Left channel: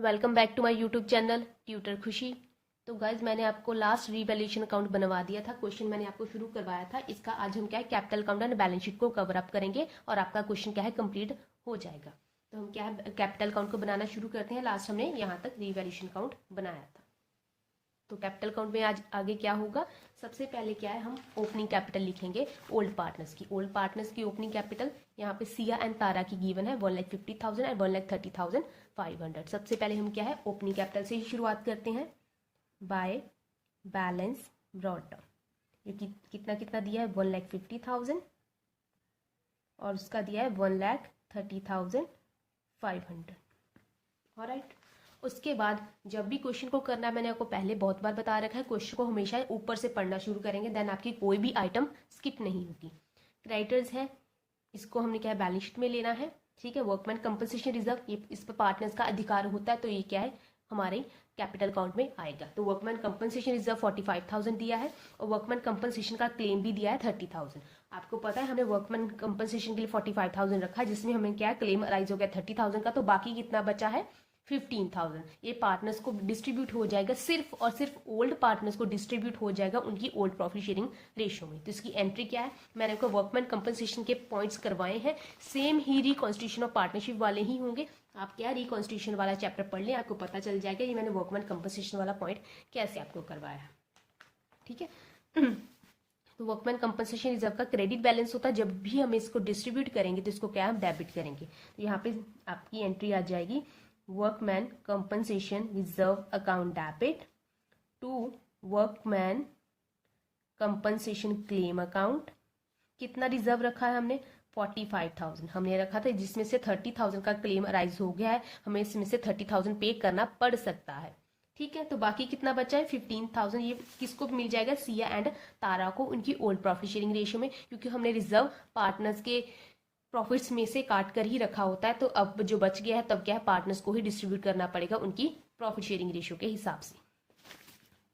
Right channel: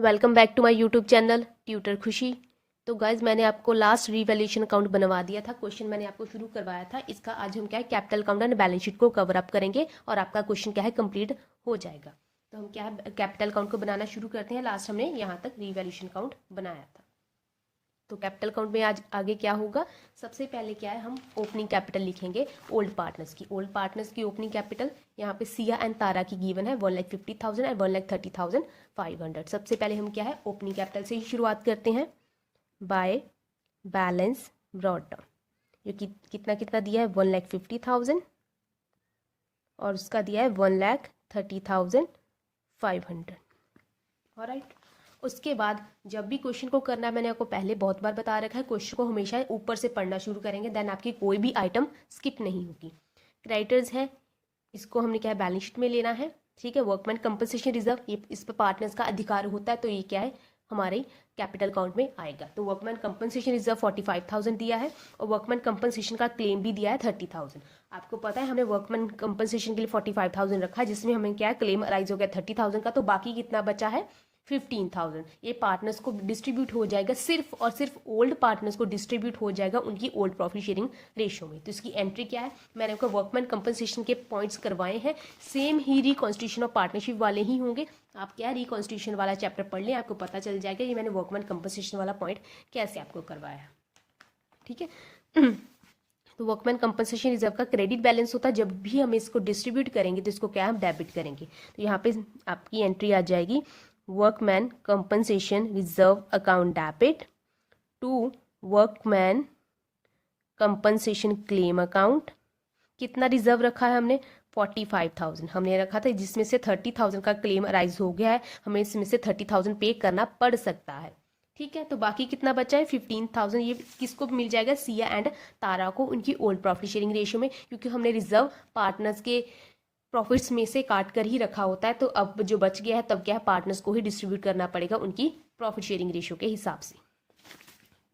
Welcome back to my YouTube channel tutor Khushi. तो guys मैंने आपको लास्ट रीवैल्यूएशन अकाउंट बनवा दिया था। क्वेश्चन मैंने आपको शुरू करवाया था। इसका आज हम क्या है capital account and balance sheet को कवर अप करेंगे और आपका क्वेश्चन क्या है कंप्लीट हो जाएगा। तो हम क्या है कैपिटल अकाउंट को बनाना शुरू करते हैं। लास्ट हमने यहाँ तक रीवैल्यूएशन अकाउंट बनाया था। तो कैपिटल अकाउंट में आज आगे क्या होगा, सबसे पहले क्या है हम ओपनिंग कैपिटल लिखेंगे ओल्ड पार्टनर्स की। ओल्ड पार्टनर्स की ओपनिंग कैपिटल यहाँ पे सिया एंड तारा की गिवन है 1,50,000 एंड 1,30,500। सबसे पहले हम क्या है ओपनिंग कैपिटल से ही शुरुआत करते हैं। बाय बैलेंस ब्रॉट डाउन, ये कितना कितना दिया है 1,50,000 और उसका दिया है 1,30,500। ऑलराइट, उसके बाद जब भी क्वेश्चन को करना है, मैंने आपको पहले बहुत बार बता रखा है, क्वेश्चन को हमेशा ऊपर से पढ़ना शुरू करेंगे, देन आपकी कोई भी आइटम स्किप नहीं होगी। क्रेडिटर्स है, इसको हमने क्या है बैलेंस शीट में लेना है। ठीक है, वर्कमैन कंपनसेशन रिजर्व, ये इस पर पार्टनर्स का अधिकार होता है, तो ये क्या है हमारे कैपिटल अकाउंट में आएगा। तो वर्कमैन कंपनसेशन रिजर्व 45,000 दिया है और वर्कमैन कंपनसेशन का क्लेम भी दिया है 30,000। आपको पता है हमने वर्कमैन कंपनसेशन के लिए 45,000 रखा है, जिसमें हमें क्या क्लेम अराइज हो गया 30,000 का, तो बाकी कितना बचा है 15,000। ये पार्टनर्स को डिस्ट्रीब्यूट हो जाएगा, सिर्फ और सिर्फ ओल्ड पार्टनर्स को डिस्ट्रीब्यूट हो जाएगा उनकी ओल्ड प्रॉफिट शेयरिंग रेशियो में। तो इसकी एंट्री क्या है, मैंने आपको वर्कमैन कंपनसेशन के पॉइंट्स करवाए हैं, same he reconstitution of partnership वाले ही होंगे। आप क्या रिकॉन्स्टिट्यूशन वाला चैप्टर पढ़ लें, आपको पता चल जाएगा ये मैंने वर्कमैन कंपनसेशन वाला पॉइंट कैसे आपको करवाया। ठीक है, तो वर्कमैन कंपनसेशन रिजर्व का क्रेडिट बैलेंस होता है, जब भी हम इसको डिस्ट्रीब्यूट करेंगे तो इसको क्या हम डेबिट करेंगे। तो यहाँ पे आपकी एंट्री आ जाएगी workman compensation reserve account debit to workman compensation claim account. कितना रिजर्व रखा है हमने 45,000 हमने रखा था, जिसमें से 30,000 का क्लेम अराइज हो गया है, हमें इसमें से 30,000 पे करना पड़ सकता है। ठीक है, तो बाकी कितना बचा है 15,000। ये किसको मिल जाएगा, सिया एंड तारा को, उनकी ओल्ड प्रॉफिट शेयरिंग रेशियो में, क्योंकि हमने रिजर्व पार्टनर्स के प्रॉफिट्स में से काट कर ही रखा होता है। तो अब जो बच गया है तब क्या है पार्टनर्स को ही डिस्ट्रीब्यूट करना पड़ेगा उनकी प्रॉफिट शेयरिंग रेशियो के हिसाब से।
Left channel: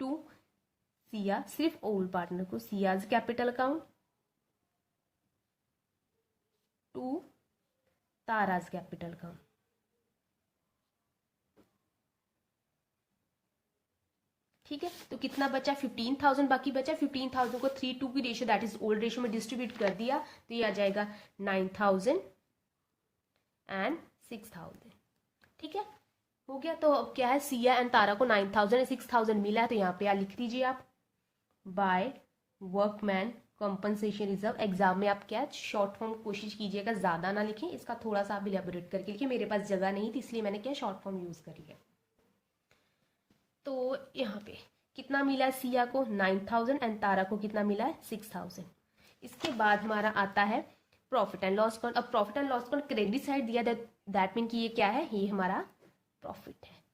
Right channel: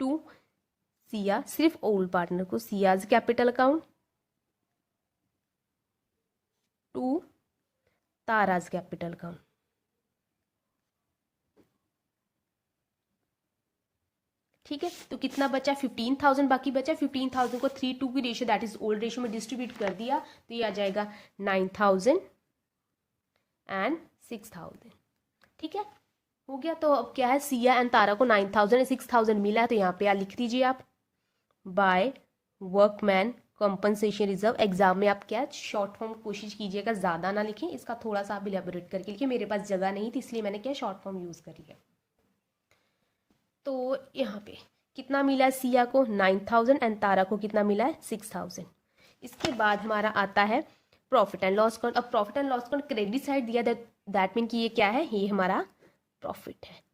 टू सिया, सिर्फ ओल्ड पार्टनर को Siya's capital account, to Tara's capital account. ठीक है, तो कितना बचा 15,000 बाकी बचा। 15,000 को 3:2 की ratio that is old ratio में डिस्ट्रीब्यूट कर दिया, तो ये आ जाएगा 9,000 एंड 6,000। ठीक है, हो गया। तो अब क्या है सिया एंड तारा को 9,000 एंड 6,000 मिला है, तो यहाँ पे लिख दीजिए आप by workman compensation reserve. Exam में आप क्या शॉर्ट फॉर्म कोशिश कीजिएगा, ज्यादा ना लिखें, इसका थोड़ा सा आप इलेबोरेट करके लिखिए। मेरे पास जगह नहीं थी इसलिए मैंने क्या शॉर्ट फॉर्म यूज कर लिया। तो यहाँ पे कितना मिला है सिया को 9,000 एंड तारा को कितना मिला है 6,000। इसके बाद हमारा आता है प्रॉफिट एंड लॉस अकाउंट। अब profit and loss account credit side दिया, दैट मीन कि ये क्या है, ये हमारा प्रॉफिट है।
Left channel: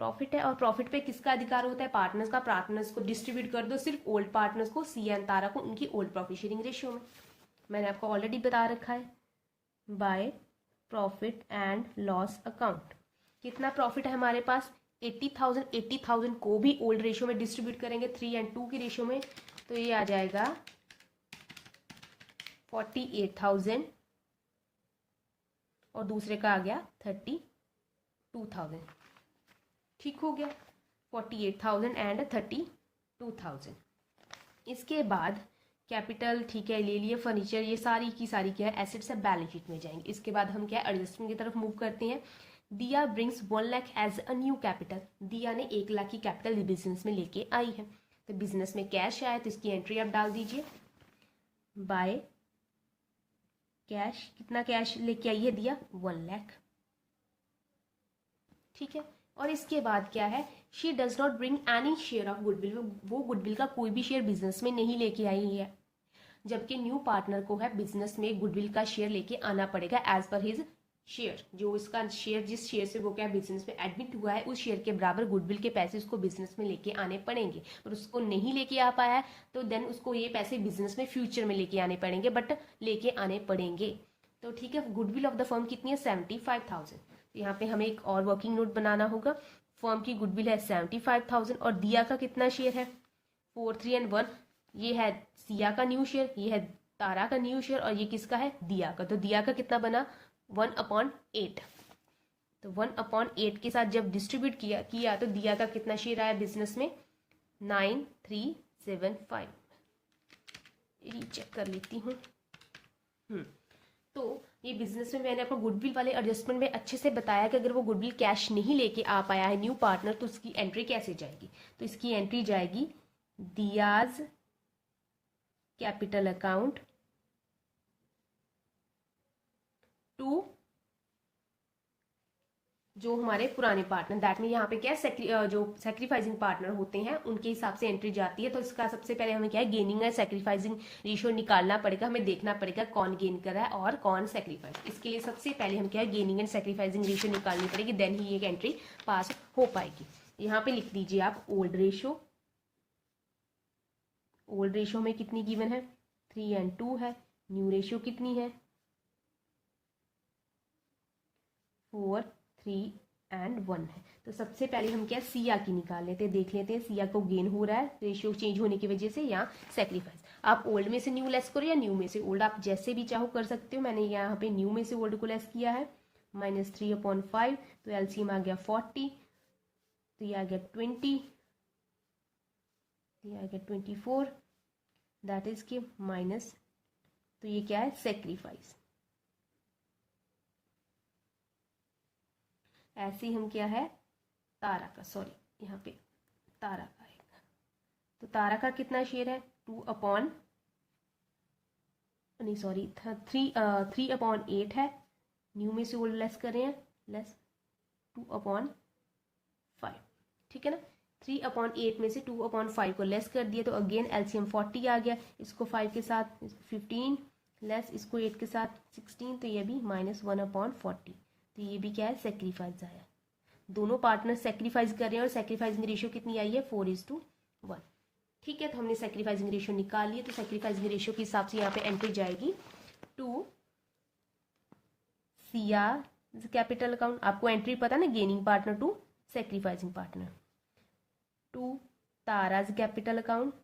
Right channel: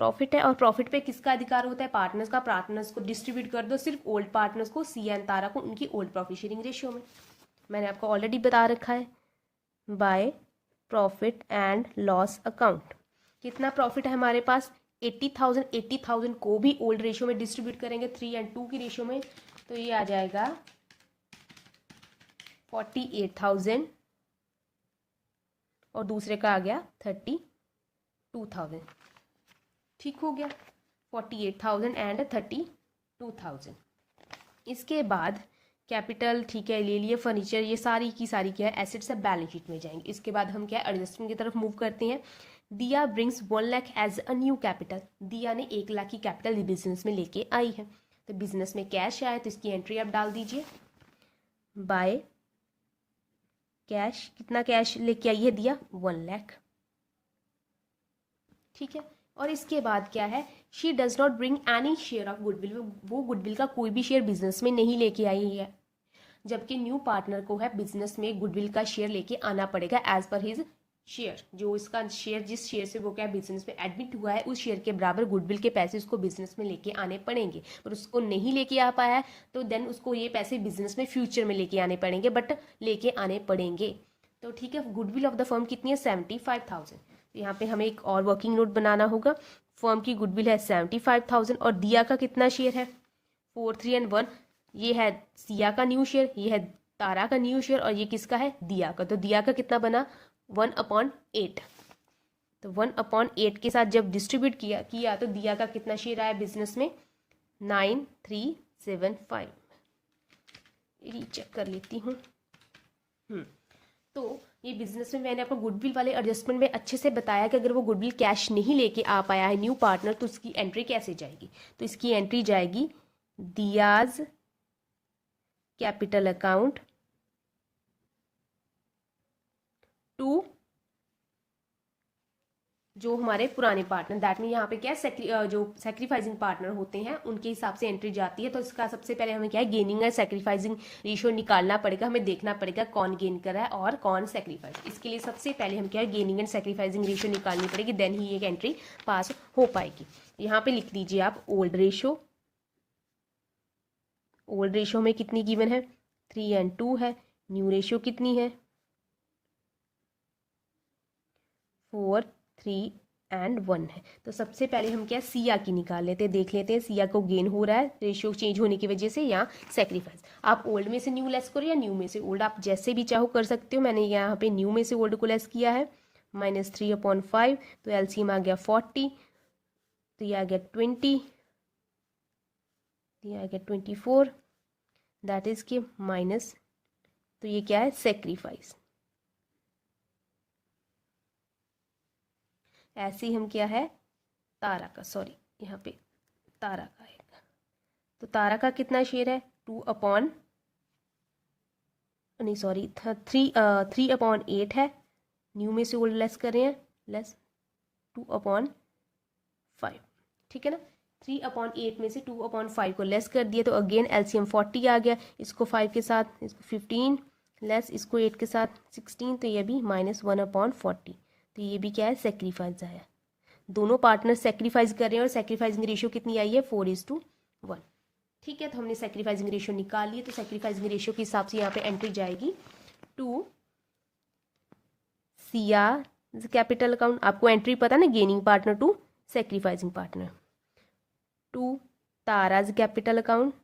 प्रॉफिट है और प्रॉफिट पे किसका अधिकार होता है, पार्टनर्स का। पार्टनर्स को डिस्ट्रीब्यूट कर दो सिर्फ ओल्ड पार्टनर्स को, सिया एंड तारा को, उनकी ओल्ड प्रॉफिट शेयरिंग रेशियो में। मैंने आपको ऑलरेडी बता रखा है by profit and loss account. कितना प्रॉफिट है हमारे पास 80,000। 80,000 को भी ओल्ड रेशियो में डिस्ट्रीब्यूट करेंगे 3 एंड 2 की रेशियो में, तो ये आ जाएगा 48,000 और दूसरे का आ गया 32,000। ठीक हो गया 48,000 एंड 32,000। इसके बाद कैपिटल, ठीक है ले लिए, फर्नीचर, ये सारी की सारी क्या है एसेट्स है बैलेंस शीट में जाएंगे। इसके बाद हम क्या एडजस्टमेंट की तरफ मूव करते हैं। Diya brings 1 lakh as a new capital. Diya ने 1 लाख की कैपिटल बिजनेस में लेके आई है, तो बिजनेस में कैश आया, तो इसकी एंट्री आप डाल दीजिए बाय कैश। कितना कैश लेके आई है दिया 1 लाख। ठीक है, और इसके बाद क्या है she does not bring any share of goodwill. वो गुडविल का कोई भी शेयर बिजनेस में नहीं लेके आई है, जबकि न्यू पार्टनर को है बिजनेस में गुडविल का शेयर लेके आना पड़ेगा एज पर हिज शेयर। जो इसका शेयर, जिस शेयर से वो क्या बिजनेस में एडमिट हुआ है, उस शेयर के बराबर गुडविल के पैसे उसको बिजनेस में लेके आने पड़ेंगे। और उसको नहीं लेके आ पाया है तो देन उसको ये पैसे बिजनेस में फ्यूचर में लेके आने पड़ेंगे, बट लेके आने पड़ेंगे। तो ठीक है, गुडविल ऑफ द फर्म कितनी है 75,000। यहाँ पे हमें एक और वर्किंग नोट बनाना होगा। फर्म की गुडविल है 75,000 और दिया का कितना शेयर है 4, 3 एंड 1। ये है सिया का न्यू शेयर, ये है तारा का न्यू शेयर और ये किसका है दिया का। तो दिया का कितना बना 1/8। तो 1/8 के साथ जब डिस्ट्रीब्यूट किया तो दिया का कितना शेयर आया बिजनेस में, 9375। रीचेक कर लेती हूँ। तो ये बिजनेस में मैंने आपको गुडविल वाले एडजस्टमेंट में अच्छे से बताया कि अगर वो गुडविल कैश नहीं लेके आ पाया है न्यू पार्टनर तो उसकी एंट्री कैसे जाएगी। तो इसकी एंट्री जाएगी दियाज कैपिटल अकाउंट टू जो हमारे पुराने पार्टनर, दैट मीन यहाँ पे क्या है, जो सेक्रीफाइसिंग पार्टनर होते हैं उनके हिसाब से एंट्री जाती है। तो इसका सबसे पहले हमें क्या है, गेनिंग एंड सेक्रीफाइसिंग रेशियो निकालना पड़ेगा। हमें देखना पड़ेगा कौन गेन कर रहा है और कौन सेक्रीफाइस। इसके लिए सबसे पहले हम क्या है, गेनिंग एंड सेक्रीफाइसिंग रेशियो निकालनी पड़ेगी, देन ही एक एंट्री पास हो पाएगी। यहाँ पे लिख दीजिए आप ओल्ड रेशियो। ओल्ड रेशियो में कितनी गिवन है, 3 and 2 है। न्यू रेशियो कितनी है, 4, 3 and 1 है। तो सबसे पहले हम क्या सिया की निकाल लेते हैं, देख लेते हैं सिया को गेन हो रहा है रेशियो चेंज होने की वजह से या सेक्रीफाइस। आप ओल्ड में से न्यू लेस करो या न्यू में से ओल्ड, आप जैसे भी चाहो कर सकते हो। मैंने यहाँ पे न्यू में से ओल्ड को लेस किया है, -3/5। तो एलसीएम आ गया 40, तो ये आ गया 20, ये आ गया 24, दैट इज के माइनस। तो ये क्या है, सेक्रीफाइस। ऐसे ही हम क्या है, तारा का, सॉरी यहाँ पे तारा का है। तो तारा का कितना शेयर है, 3/8 है। न्यू में से ओल्ड लेस कर रहे हैं, लेस 2/5, ठीक है ना। 3/8 में से 2/5 को लेस कर दिया तो अगेन एलसीएम 40 आ गया। इसको 5 के साथ इसको 15 लेस, इसको 8 के साथ 16, तो ये भी -1/40। तो ये भी क्या है, सेक्रीफाइस आया। दोनों पार्टनर सेक्रीफाइस कर रहे हैं और सेक्रीफाइसिंग रेशियो कितनी आई है, 4:1। ठीक है, तो हमने सेक्रीफाइसिंग रेशियो निकाल ली। तो सेक्रीफाइसिंग रेशियो के हिसाब से यहाँ पे एंट्री जाएगी टू सिया कैपिटल अकाउंट। आपको एंट्री पता ना, gaining partner to sacrificing partner, to Tara's capital account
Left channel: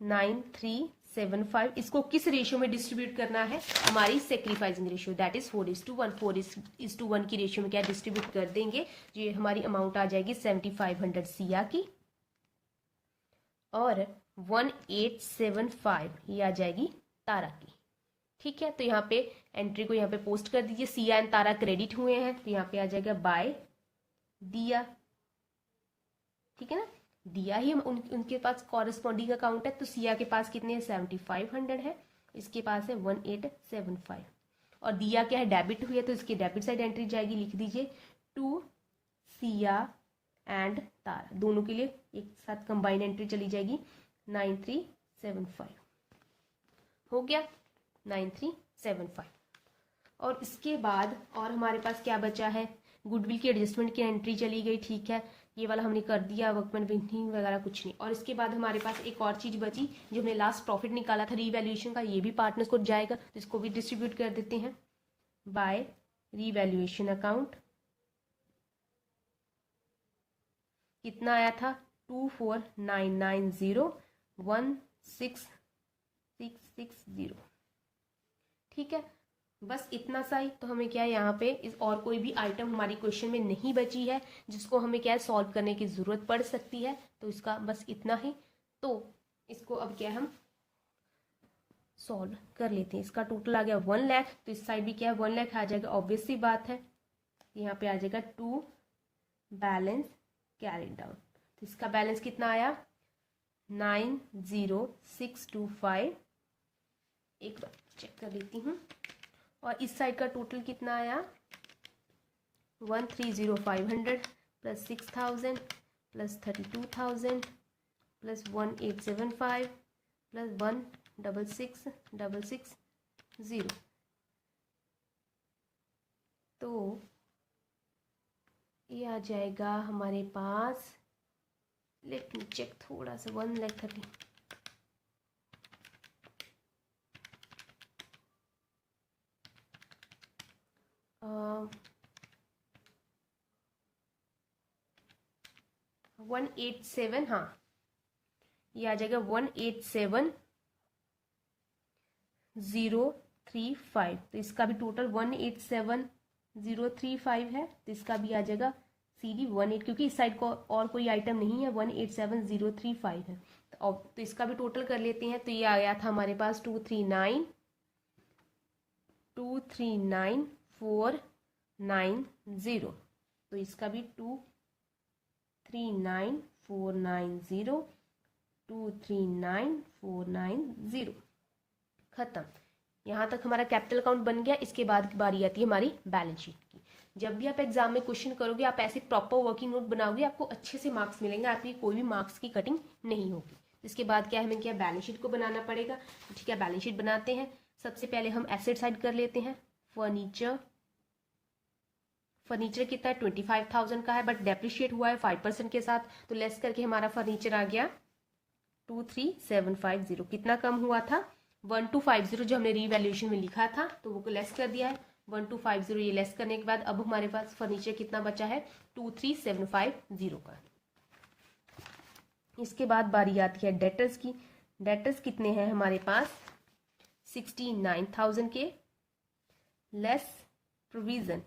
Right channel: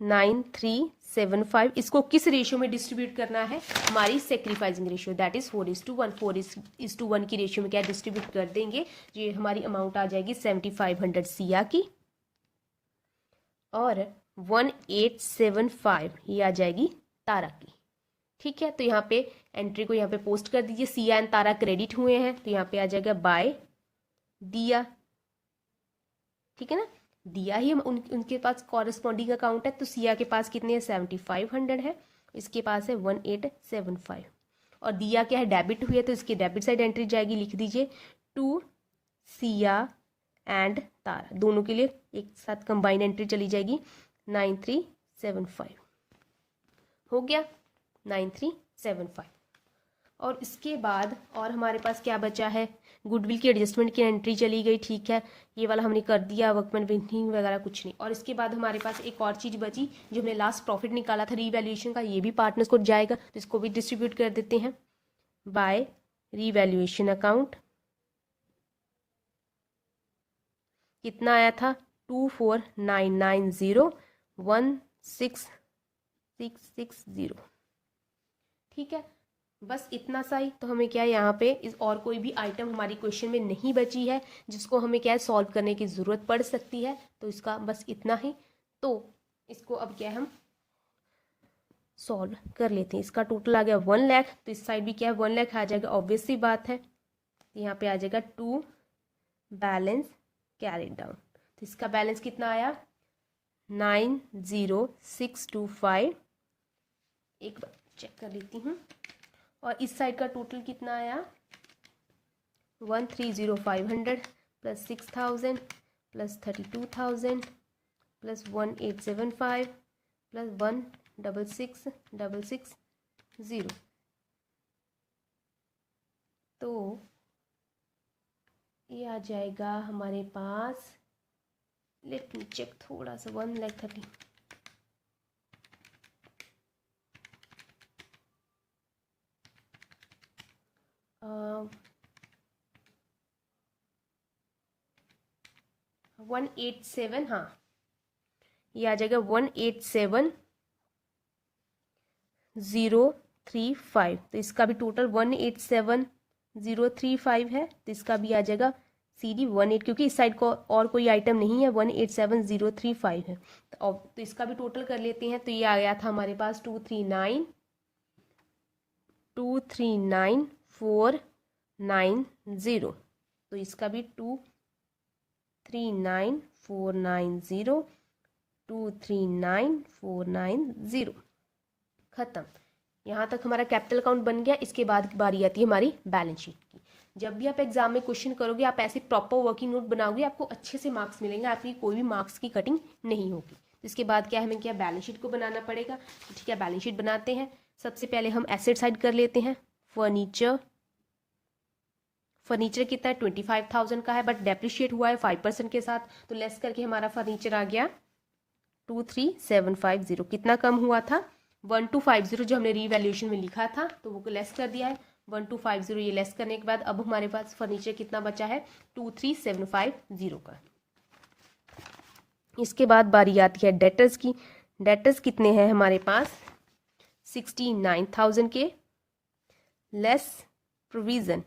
9375। इसको किस रेशियो में डिस्ट्रीब्यूट करना है, हमारी सेक्रीफाइसिंग रेशियो, दैट इज 4:1। 4:1 की रेशियो में क्या डिस्ट्रीब्यूट कर देंगे। ये हमारी अमाउंट आ जाएगी 7500 सिया की और 1875 ये आ जाएगी तारा की। ठीक है, तो यहाँ पे एंट्री को यहाँ पे पोस्ट कर दीजिए। सिया एंड तारा क्रेडिट हुए हैं तो यहाँ पे आ जाएगा बाय दिया। ठीक है ना, दिया ही उनके पास कॉरेस्पॉन्डिंग अकाउंट है। तो सिया के पास कितने हैं, 7500 है, इसके पास है 1875। और दिया क्या है, डेबिट हुई है, तो इसकी डेबिट साइड एंट्री जाएगी, लिख दीजिए टू सिया एंड तारा, दोनों के लिए एक साथ कंबाइंड एंट्री चली जाएगी 9375। हो गया 9375। और इसके बाद और हमारे पास क्या बचा है, गुडविल की एडजस्टमेंट की एंट्री चली गई। ठीक है, ये वाला हमने कर दिया, वर्कमैन पेंटिंग वगैरह कुछ नहीं। और इसके बाद हमारे पास एक और चीज़ बची जो हमने लास्ट प्रॉफिट निकाला था रीवैल्यूएशन का, ये भी पार्टनर्स को जाएगा, तो इसको भी डिस्ट्रीब्यूट कर देते हैं बाय रीवैल्यूएशन अकाउंट। कितना आया था, 24,990,16,660। ठीक है, बस इतना सा ही। तो हमें क्या है यहाँ पे इस और कोई भी आइटम हमारी क्वेश्चन में नहीं बची है जिसको हमें क्या है सॉल्व करने की ज़रूरत पड़ सकती है। तो इसका बस इतना ही। तो इसको अब क्या है हम सॉल्व कर लेते हैं। इसका टोटल आ गया 1 लाख, तो इस साइड भी क्या है 1 लाख आ जाएगा, ऑब्वियस सी बात है। यहाँ पे आ जाएगा टू बैलेंस कैरिड डाउन। तो इसका बैलेंस कितना आया, 90625। एक बार चेक कर लेती हूँ। और इस साइड का टोटल कितना आया, 130,500 प्लस 6,000 प्लस 32,000 प्लस 1875 प्लस 166,660। तो ये आ जाएगा हमारे पास, लेट मी चेक थोड़ा सा, 1,30,000 187, हाँ ये आ जाएगा 187,000 035, तो इसका भी टोटल 187035 है, तो इसका भी आ जाएगा CD 18, क्योंकि इस साइड को और कोई आइटम नहीं है, 187035 है। तो इसका भी टोटल कर लेते हैं। तो ये आ गया था हमारे पास 239490, तो इसका भी 239490, 239490, खत्म। यहाँ तक हमारा कैपिटल अकाउंट बन गया। इसके बाद बारी आती है हमारी बैलेंस शीट की। जब भी आप एग्जाम में क्वेश्चन करोगे, आप ऐसे प्रॉपर वर्किंग नोट बनाओगे, आपको अच्छे से मार्क्स मिलेंगे, आपकी कोई भी मार्क्स की कटिंग नहीं होगी। इसके बाद क्या हमें क्या बैलेंस शीट को बनाना पड़ेगा। तो ठीक है, बैलेंस शीट बनाते हैं। सबसे पहले हम एसेट साइड कर लेते हैं। फर्नीचर कितना है, 25,000 का है, बट डेप्रिशिएट हुआ है 5% के साथ, तो लेस करके हमारा फर्नीचर आ गया 23,750। कितना कम हुआ था, 1250 जो हमने रीवैल्यूएशन में लिखा था, तो वो लेस कर दिया है 1250। ये लेस करने के बाद अब हमारे पास फर्नीचर कितना बचा है, 23,750 का। इसके बाद बारी आती है डेटर्स की। डेटर्स कितने हैं हमारे पास, 69,000 के, लेस प्रोविजन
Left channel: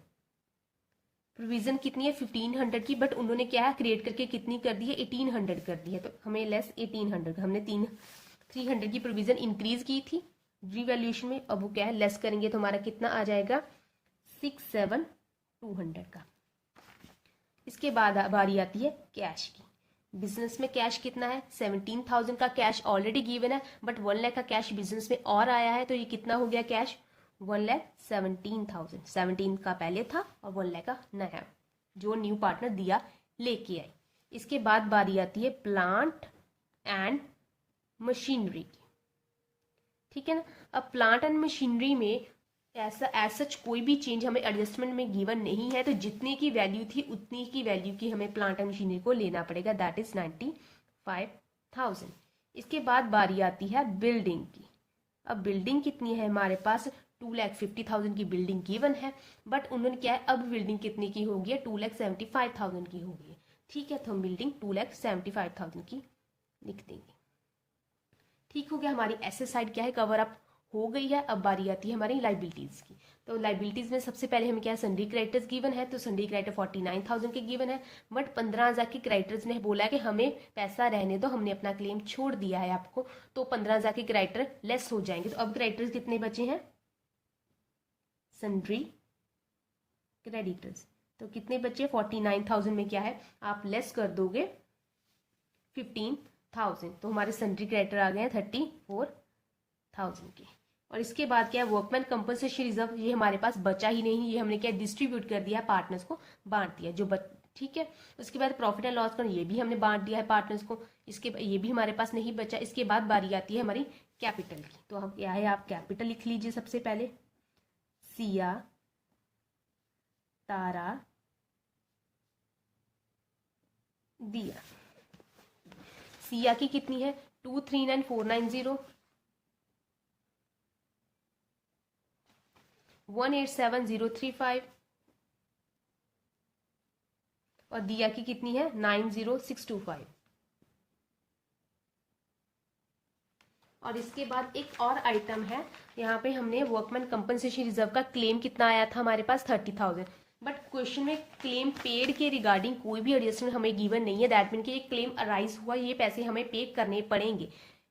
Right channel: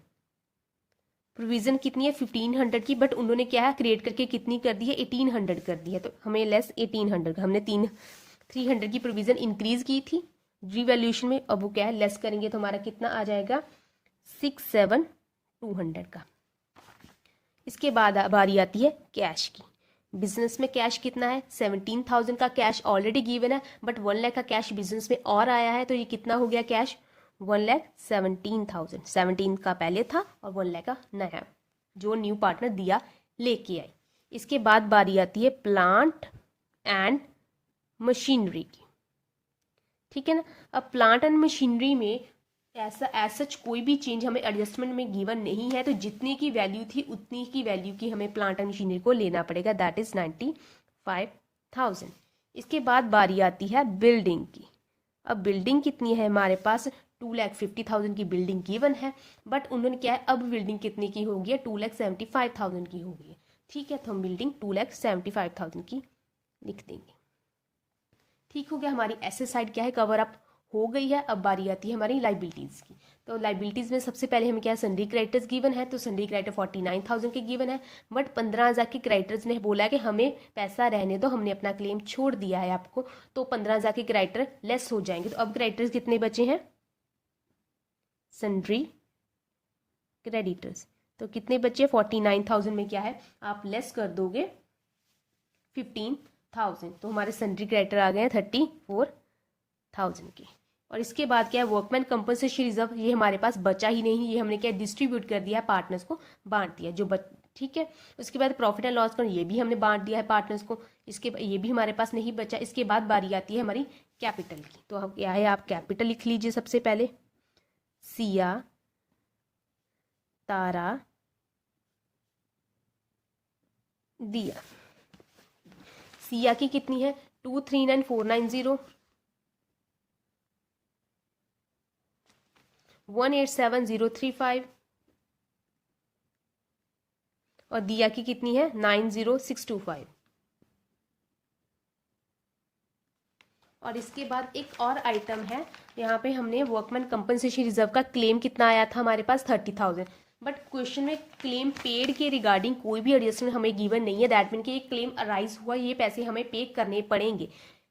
कितनी है, 1500 की, बट उन्होंने क्या है क्रिएट करके कितनी कर दी है, 1800 कर दी है, तो हमें लेस 1800 का। हमने 300 की प्रोविजन इंक्रीज की थी रीवैल्यूएशन में, अब वो क्या है लेस करेंगे, तो हमारा कितना आ जाएगा 67,200 का। इसके बाद बारी आती है कैश की। बिजनेस में कैश कितना है, 17,000 का कैश ऑलरेडी गिवन है, बट 1 लाख का कैश बिजनेस में और आया है, तो ये कितना हो गया कैश, 1,17,000। 17 का पहले था और 1 लाख का नया जो न्यू पार्टनर दिया लेके आई। इसके बाद बारी आती है प्लांट एंड मशीनरी की। ठीक है ना। अब प्लांट एंड मशीनरी में ऐसा सच कोई भी चेंज हमें एडजस्टमेंट में गिवन नहीं है, तो जितनी की वैल्यू थी उतनी की वैल्यू की हमें प्लांट एंड मशीनरी को लेना पड़ेगा, दैट इज 95,000। इसके बाद बारी आती है बिल्डिंग की। अब बिल्डिंग कितनी है हमारे पास, 2,50,000 की बिल्डिंग गिवन है, बट उन्होंने क्या है अब बिल्डिंग कितने की होगी है, 2,75,000 की होगी। ठीक है, तो हम बिल्डिंग 2,75,000 की लिख देंगे। ठीक हो गया, हमारी एसेट साइड क्या है कवर अप हो गई है। अब बारी आती है हमारी लाइबिलिटीज की। तो लाइबिलिटीज में सबसे पहले हमें क्या सन्डी क्रेडिटर्स गिवन है, तो सन्डी क्रेडिटर 49,000 के गिवन है, बट 15,000 के क्रेडिटर्स ने बोला है कि हमें पैसा रहने दो, हमने अपना क्लेम छोड़ दिया है आपको, तो 15,000 के क्रेडिटर लेस हो जाएंगे। तो अब क्रेडिटर्स कितने बचे हैं, सन्ड्री क्रेडिटर्स, तो कितने बचे, 49,000 में क्या है आप लेस कर दोगे 15,000, तो हमारे सन्ड्री क्रेडिटर आ गए हैं 34,000 के। और इसके बाद क्या है वर्कमैन कंपनसेशन रिजर्व, ये हमारे पास बचा ही नहीं, ये हमने क्या डिस्ट्रीब्यूट कर दिया है, पार्टनर्स को बांट दिया जो ठीक है। उसके बाद प्रॉफिट एंड लॉस का ये भी हमने बांट दिया है पार्टनर्स को, इसके ये भी हमारे पास नहीं बचा। इसके बाद बारी आती है हमारी कैपिटल की। तो हम क्या है आप कैपिटल लिख लीजिए सबसे पहले, सिया, तारा, दिया। सिया की कितनी है, 239,490, 187,035, और दिया की कितनी है 90,625। और इसके बाद एक और आइटम है, यहाँ पे हमने वर्कमैन कंपनसेशन रिजर्व का क्लेम कितना आया था हमारे पास 30,000, बट क्वेश्चन में क्लेम पेड के रिगार्डिंग कोई भी एडजस्टमेंट हमें गिवन नहीं है, दैट मीन कि ये क्लेम अराइज हुआ, ये पैसे हमें पे करने पड़ेंगे,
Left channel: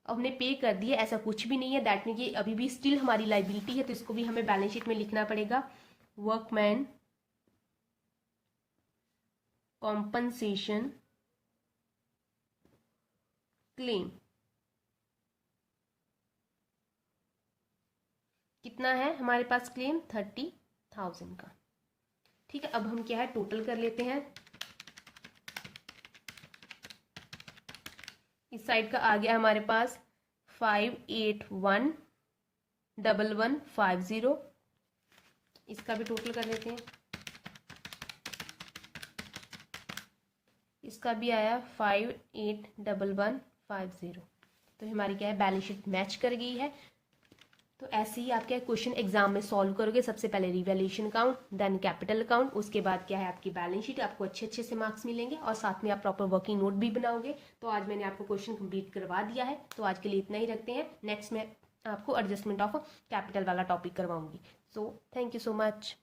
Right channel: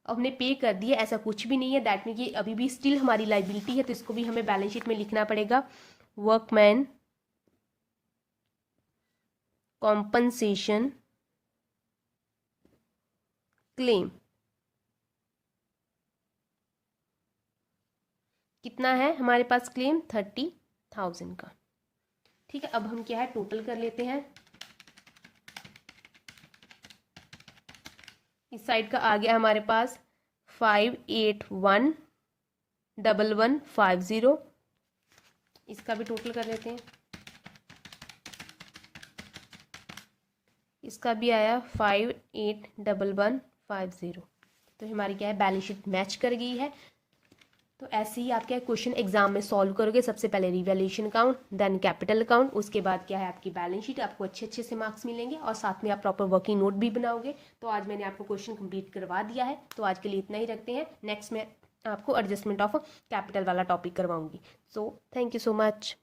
हमने पे कर दिए ऐसा कुछ भी नहीं है, दैट मीन कि अभी भी स्टिल हमारी लाइबिलिटी है, तो इसको भी हमें बैलेंस शीट में लिखना पड़ेगा। वर्कमैन कॉम्पनसेशन क्लेम कितना है हमारे पास क्लेम 30,000 का। ठीक है, अब हम क्या है टोटल कर लेते हैं। इस साइड का आ गया हमारे पास 581,150, इसका भी टोटल कर लेते हैं। इसका भी आया 581,150, तो हमारी क्या है बैलेंस शीट मैच कर गई है। तो ऐसे ही आप क्या क्वेश्चन एग्जाम में सॉल्व करोगे, सबसे पहले revaluation account, then capital account, उसके बाद क्या है आपकी बैलेंस शीट, आपको अच्छे अच्छे से मार्क्स मिलेंगे और साथ में आप प्रॉपर वर्किंग नोट भी बनाओगे। तो आज मैंने आपको क्वेश्चन कंप्लीट करवा दिया है, तो आज के लिए इतना ही रखते हैं। नेक्स्ट में आपको एडजस्टमेंट ऑफ कैपिटल वाला टॉपिक करवाऊंगी। So thank you so much.